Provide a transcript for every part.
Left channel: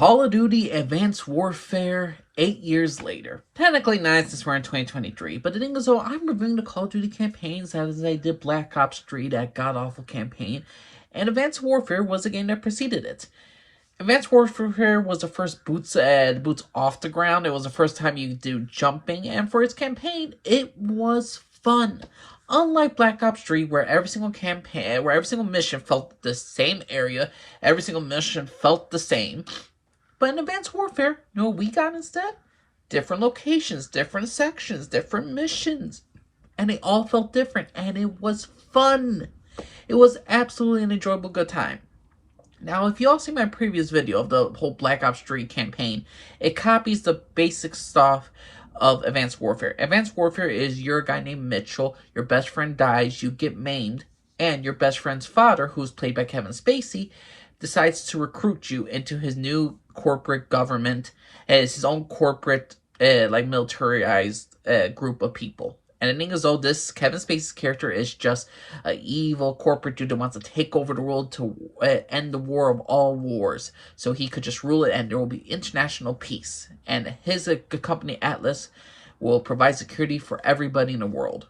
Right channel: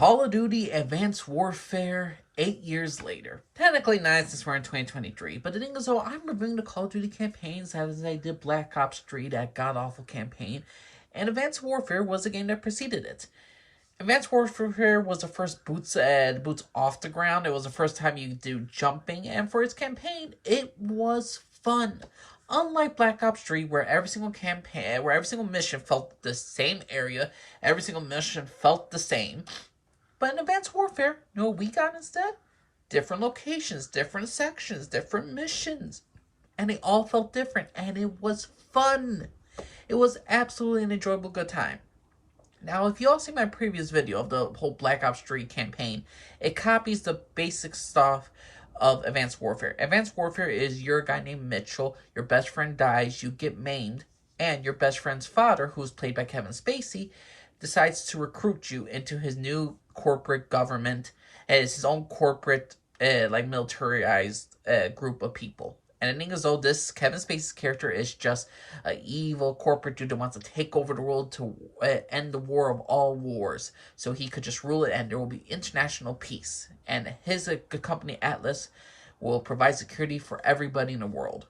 Call of Duty Advanced Warfare 8 years later. Technically 9 since we're in 2023, but the thing is, though, I'm reviewing the Call of Duty campaigns as I did Black Ops 3, that god-awful campaign, and Advanced Warfare was the game that preceded it. Advanced Warfare was the first boots off the ground. It was the first time you could do jumping, and for its campaign, it was fun. Unlike Black Ops 3, where every single mission felt the same area, every single mission felt the same. But in Advanced Warfare, you know what we got instead? Different locations, different sections, different missions. And they all felt different, and it was fun. It was absolutely an enjoyable good time. Now, if you all see my previous video of the whole Black Ops 3 campaign, it copies the basic stuff of Advanced Warfare. Advanced Warfare is you're a guy named Mitchell, your best friend dies, you get maimed, and your best friend's father, who's played by Kevin Spacey, decides to recruit you into his new corporate government. It's his own corporate, militarized group of people. And the thing is, though, this Kevin Spacey's character is just an evil corporate dude that wants to take over the world to end the war of all wars. So he could just rule it and there will be international peace. And his company, Atlas, will provide security for everybody in the world.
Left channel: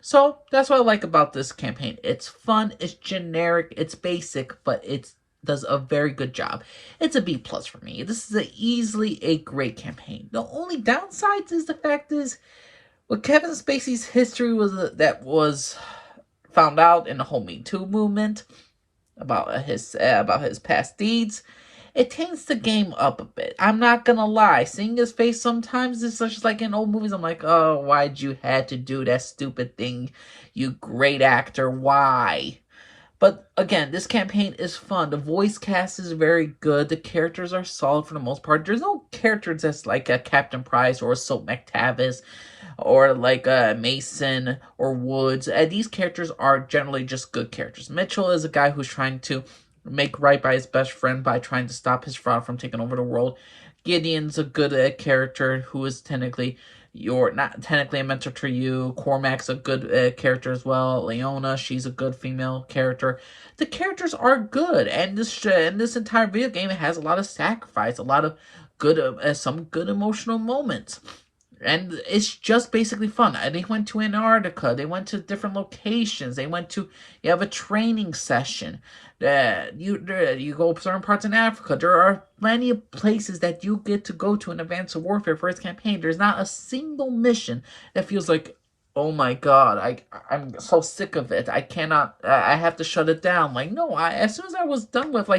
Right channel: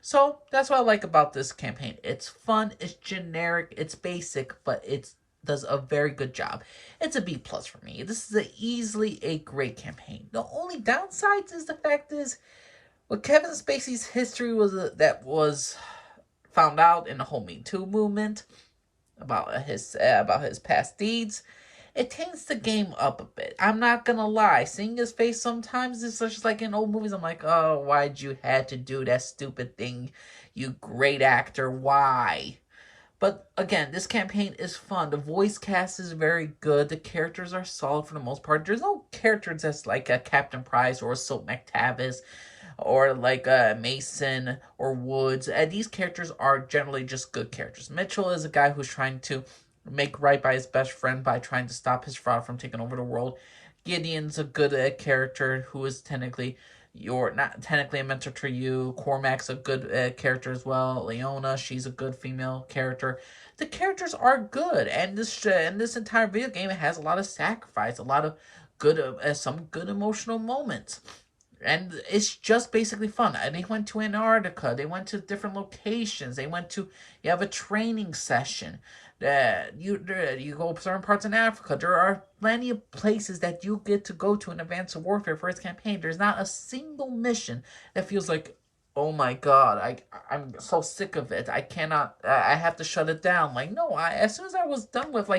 So that's what I like about this campaign. It's fun, it's generic, it's basic, but it does a very good job. It's a B+ for me. This is easily a great campaign. The only downsides is the fact is, what Kevin Spacey's history was that was found out in the whole Me Too movement about his past deeds, it taints the game up a bit. I'm not gonna lie. Seeing his face sometimes is just like in old movies. I'm like, oh, why'd you had to do that stupid thing, you great actor? Why? But again, this campaign is fun. The voice cast is very good. The characters are solid for the most part. There's no characters that's like a Captain Price or a Soap McTavish or like Mason or Woods. These characters are generally just good characters. Mitchell is a guy who's trying to make right by his best friend by trying to stop his fraud from taking over the world. Gideon's a good character who is not technically a mentor to you. Cormac's a good character as well. Leona, she's a good female character. The characters are good, and this entire video game has a lot of sacrifice, a lot of good, some good emotional moments. And it's just basically fun. They went to Antarctica. They went to different locations. You have a training session. You go certain parts in Africa. There are plenty of places that you get to go to in Advanced Warfare for its campaign. There's not a single mission that feels like, oh my god, I'm so sick of it. I have to shut it down. Like, no, as soon as I was done with,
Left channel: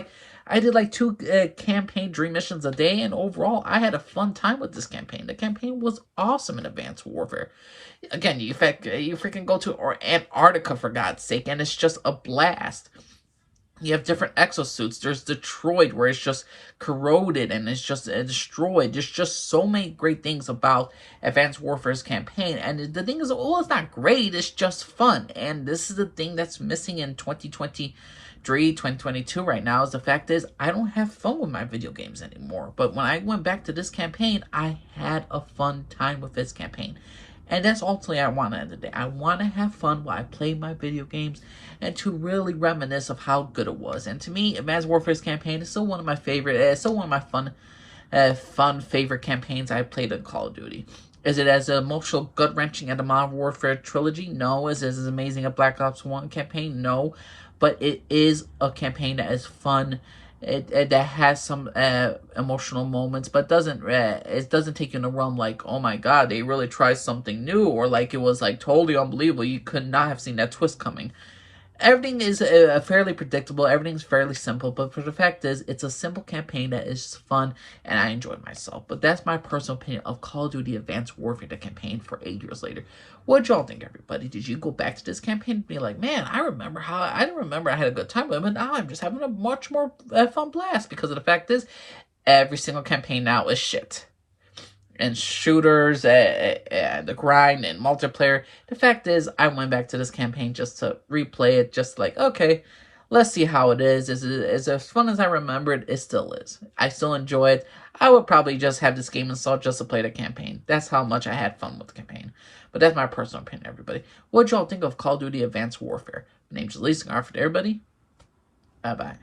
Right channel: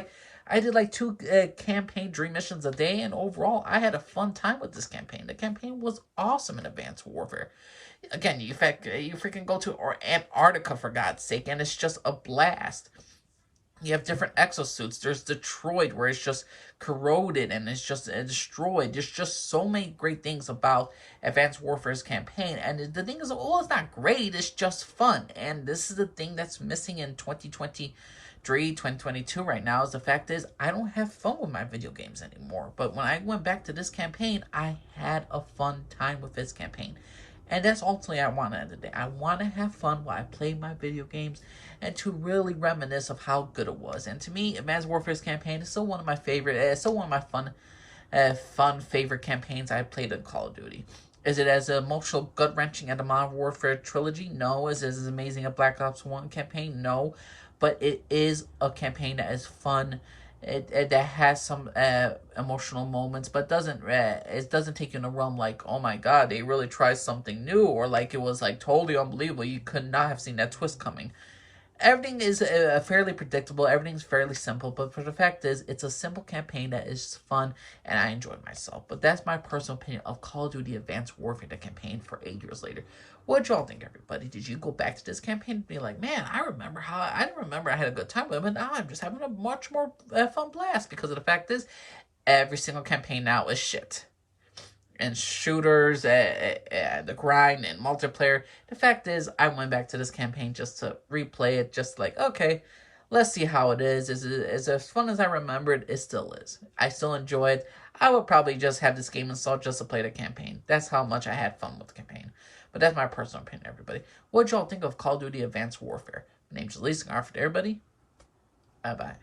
I did 2 campaign dream missions a day, and overall, I had a fun time with this campaign. The campaign was awesome in Advanced Warfare. Again, you freaking go to Antarctica, for God's sake, and it's just a blast. You have different exosuits. There's Detroit, where it's just corroded and it's just destroyed. There's just so many great things about Advanced Warfare's campaign. And the thing is, well, it's not great. It's just fun. And this is the thing that's missing in 2023, 2022 right now, is the fact is, I don't have fun with my video games anymore. But when I went back to this campaign, I had a fun time with this campaign. And that's ultimately what I want to end the day. I want to have fun while I play my video games and to really reminisce of how good it was. And to me, Advanced Warfare's campaign is still one of my favorite, fun favorite campaigns I played in Call of Duty. Is it as emotional, gut-wrenching as the Modern Warfare trilogy? No. Is it as amazing as Black Ops 1 campaign? No. But it is a campaign that is fun. That has some emotional moments, but it doesn't take you in a realm like, oh my god, they really tried something new, or like it was totally unbelievable. You could not have seen that twist coming. Everything is fairly predictable. Everything's fairly simple, but for the fact is, it's a simple campaign that is fun, and I enjoyed myself. But that's my personal opinion of Call of Duty Advanced Warfare, the campaign for 8 years later. What'd y'all think, everybody? Did you go back to this campaign and be like, man, I didn't remember I had a good time with it, but now I'm just having a much more fun blast, because of the fact is, every single campaign now is shit. And shooters, and the grind, and multiplayer. The fact is, I went back to this campaign just to replay it, just like, okay, let's see how it is. Is it as fun as I remembered? It still is. I still enjoy it. I would probably just have this game installed just to play the campaign. That's how much I had fun with the campaign. But that's my personal opinion, everybody. What y'all think of Call of Duty Advanced Warfare? My name's Elise, and for everybody, bye-bye.